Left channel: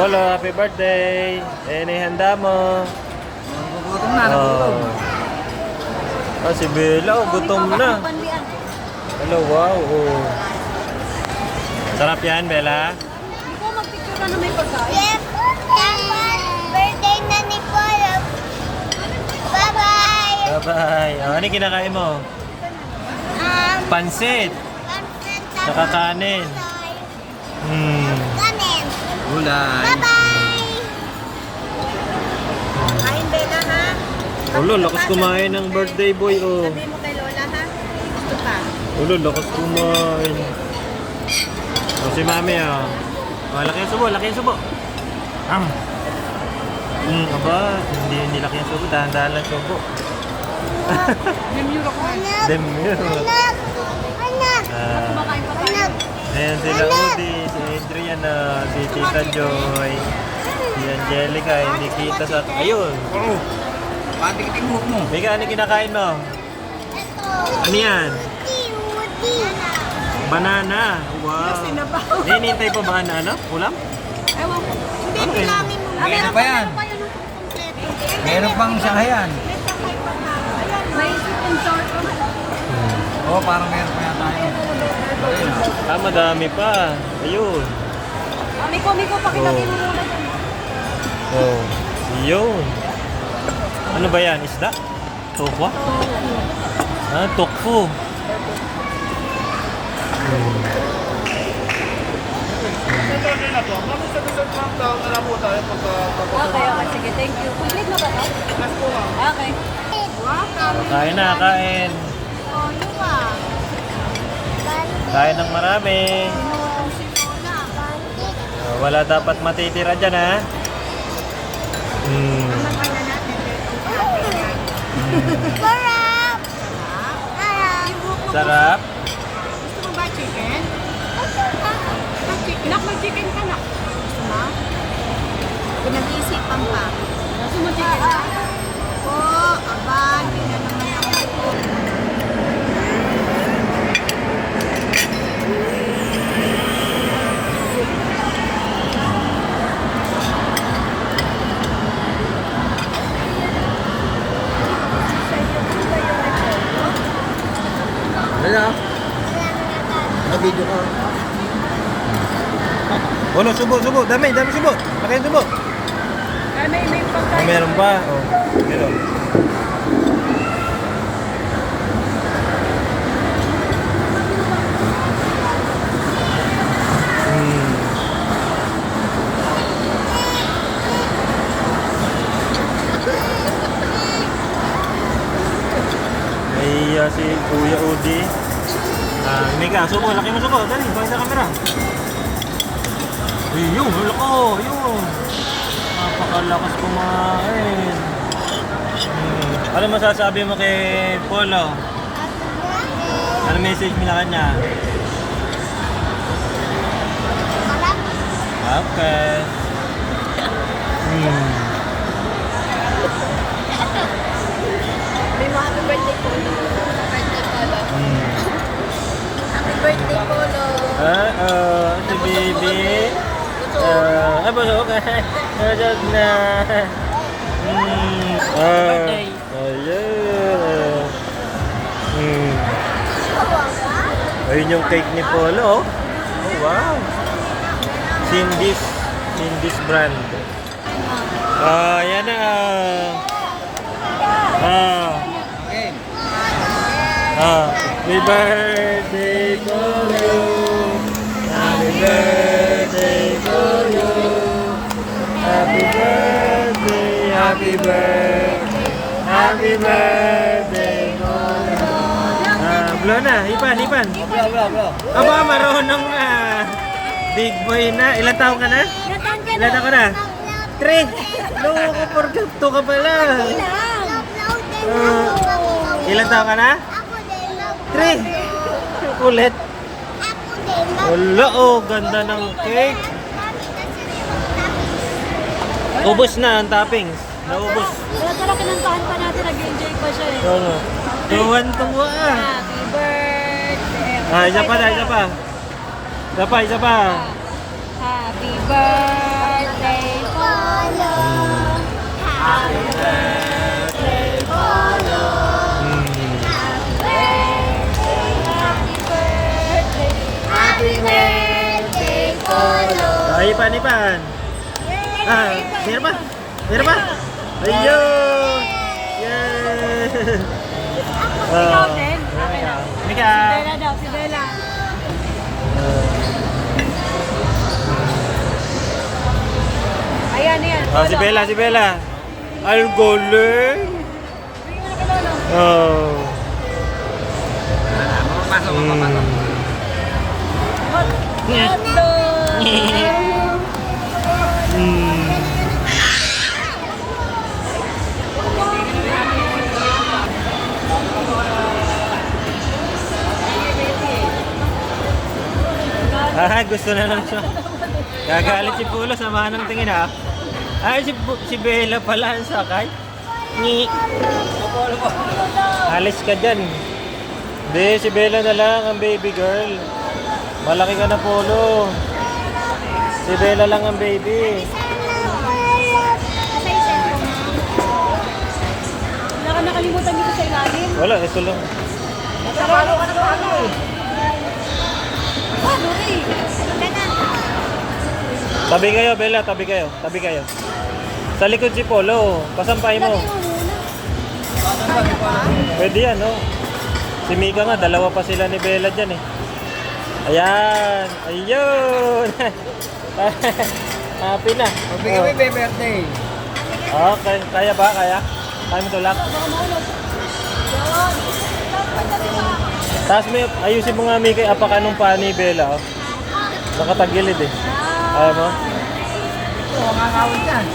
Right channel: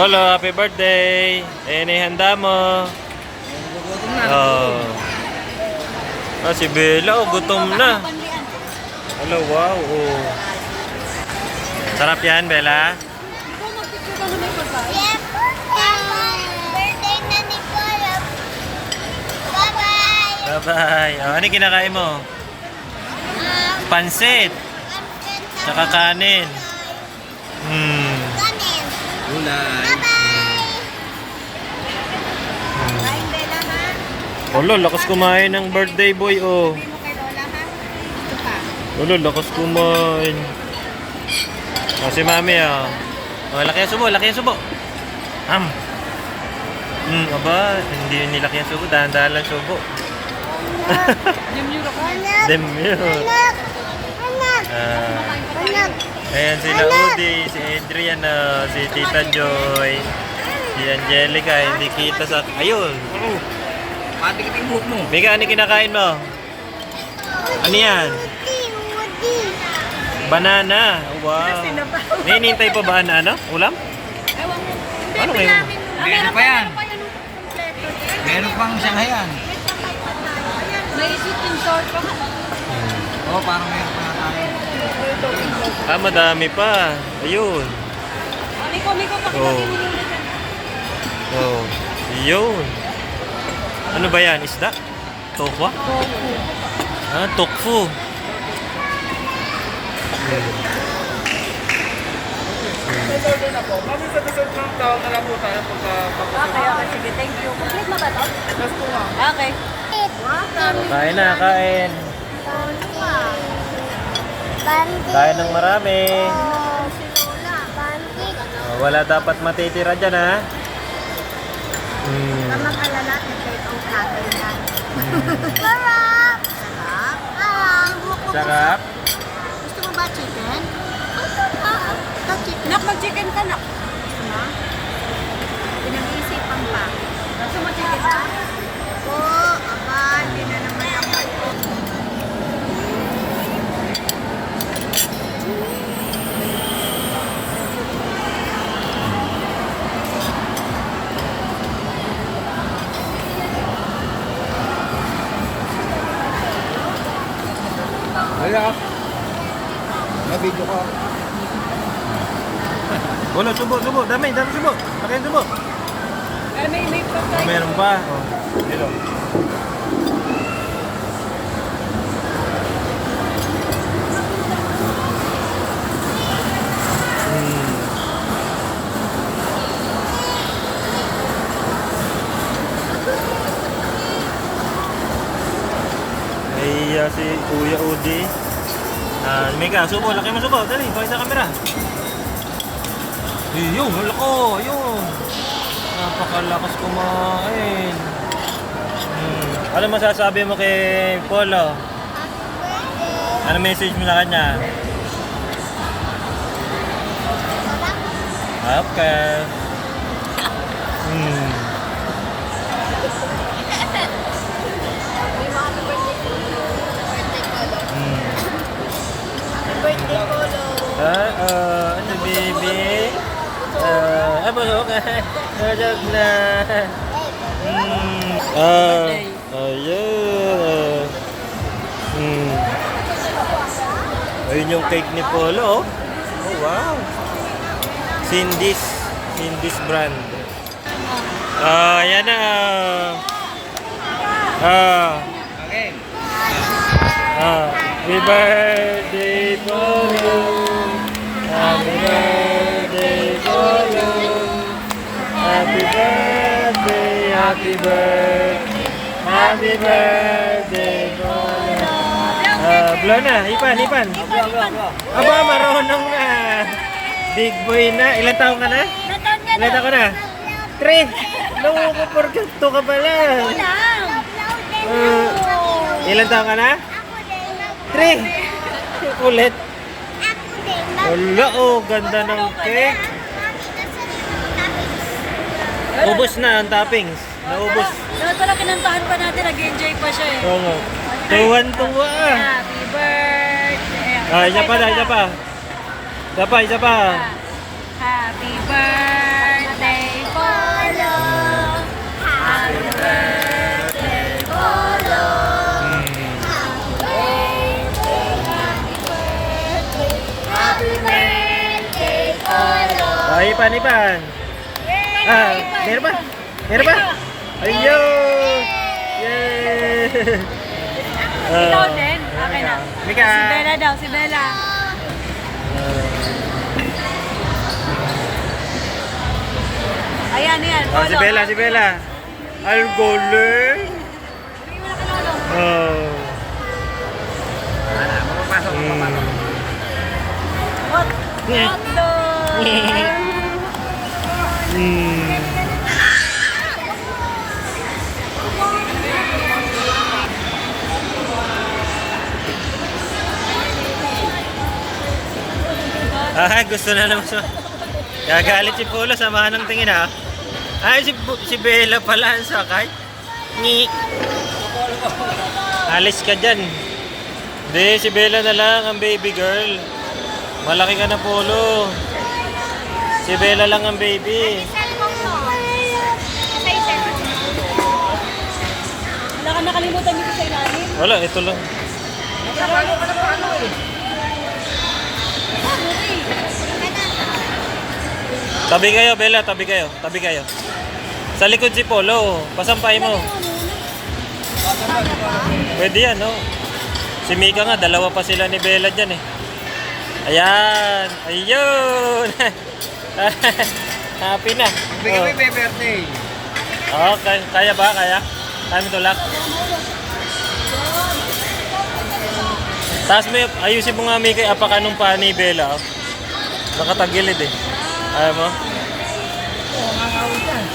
Polo, happy birthday. Handa mo. Gutom na. Oh. Si Bella, gutom na. Hello, wow. Oh. Sarap yan, Bella. Birthday na ni Polo. Bye-bye. Bye-bye. Oh, ano kinakain mo? Pansit. Tsaka kanin. Kanin. Gulay. Bye-bye. Kain Bella ha? Ulo, lakas kumain ng birthday boy, oh. Sabi mo kay Lola ha? Gusto ka? Ulo, lakas kumain. Oh, si Mami, ah. Oh, laki ang subo, laki ang subo. Aba, hindi yun nilaki ang subo, dahan-dahan lang subo. Demure ako ngayon. Demure. Anak. Anak. Ayan sila Udi, si Adrian, si Tita Joy, si Angelica, hindi kita sa... Ayun! Pati kita yung buhok mo. Mika, ano kinakain mo? Ito. Ano yan? Woody. Banana! Wow! Hinihintay pa ba ano? Ulam? Ewan ko. Hindi, Ano bilangin mo. Meron pa yan. Meron pang sanghayan. May isipin sort of. Oo, parang meron pa tayo. Madami pa. Ayun. Miko, pakilagin mo muna dyan. Oh. Ayun. Ano ba yan? Isda? Tokwa? Tokfu. Okay, sige. Thank you. Complete na ba ito? Okay. Kain na, kain. Kain ng marami. Wala dapat matitira dyan, ha? Mag-ala natin, take out natin yan. Sarap! Sarap. Gusto mo ba chicken? Chicken. Mag-chicken ka na. Pinag-iisipan pa. Gusto mo chicken ka? Oo. Hindi na naman. Wala. Na-video ko. Ulo, subo. Dami subo. Laki ang subo. May pagkain. Meron pa. Oh. Dito. Ay, si Kuya Udi. Mika, subo. Laki mo subo. Dali, bakit sa camera? Ayun, lako. Ayun. Napakalakas kumain. Ano masasabi mo kay Polo? Ano message mo na kanya? Okay. May mga happy birthday ko. Birthday Polo. Happy birthday Polo. Si baby. Busog. Busog na. Ayun. Ayun yung cake ni Polo. Oh, wow. Cindy's brand. Yan na. Okay. Happy birthday to you. Happy birthday to you. Happy birthday, happy birthday, happy birthday to you. Blow na, hipan. Aba, marunong na. Big boy na. Ilan taon ka na? Ilan taon ka na? 3. Loko, porkento ka pala. Ilan taon ka na? 3. Kulit. Wala, ganda ng cake. Ubus na ang toppings. Naubos. Tara, kinantahan pa natin. Nag-enjoy pa siya eh. Oo nga. Tuwan-tuwa. Happy birthday. Isa pa. Happy birthday Ipan. Ah, meron pa? Meron pa? Ayun! Yay! Ikaw din? Okay na. Mika! Si Bella daw, si Bella. Ayan, ayan. Oh, si Bella, si Bella. Ang galing! Oh. Hotdog! Mm. Ah, gusto na naman siya. Gagalit si Pulo, samahan ng tingin ha. Ay, si Bella pala ang sakay. Ni. Alis ka dyan. Hindi, si Bella na lang ang baby girl. Malaki ka na, Pulo. Si Bella lang ang baby. Wala ka nakalimutan dito sa ilalim. Wala, ito lang. Tabi kayo, Bella, tabi kayo. Tabi kayo. Sa likod si Polo, pasampay mo. Pwede yan, no? Si Mika nga, dalawa pa sila ni Bella dyan eh. Ayan! Ayun! Happy na. Magbigay mo yung birthday. Okay, kaya ba? Kaya? Kaya mo tulak? Taas mo, ayusin mo nga Mika, apakan nung pa ni Bella. Oh. Nakatagilid eh. Ayaw mo? Oo, ngangawin yan.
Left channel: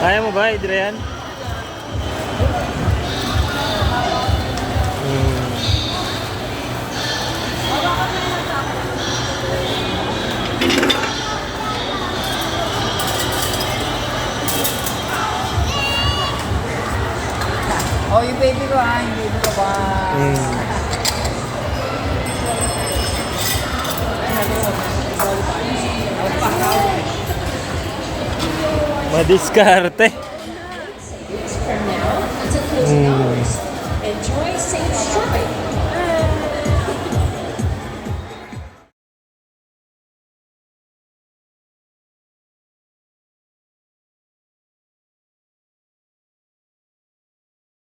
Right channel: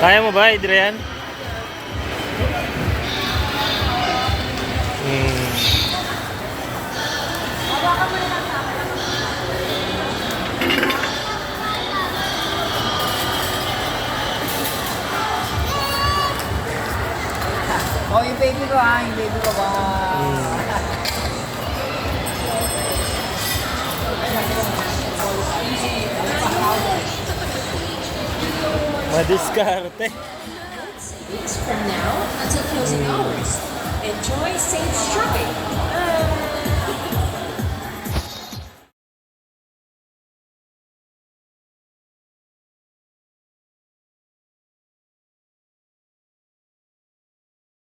Kaya mo ba, Adrian? Oh, yung baby ko ha, yung baby ko ba? Madiskarte.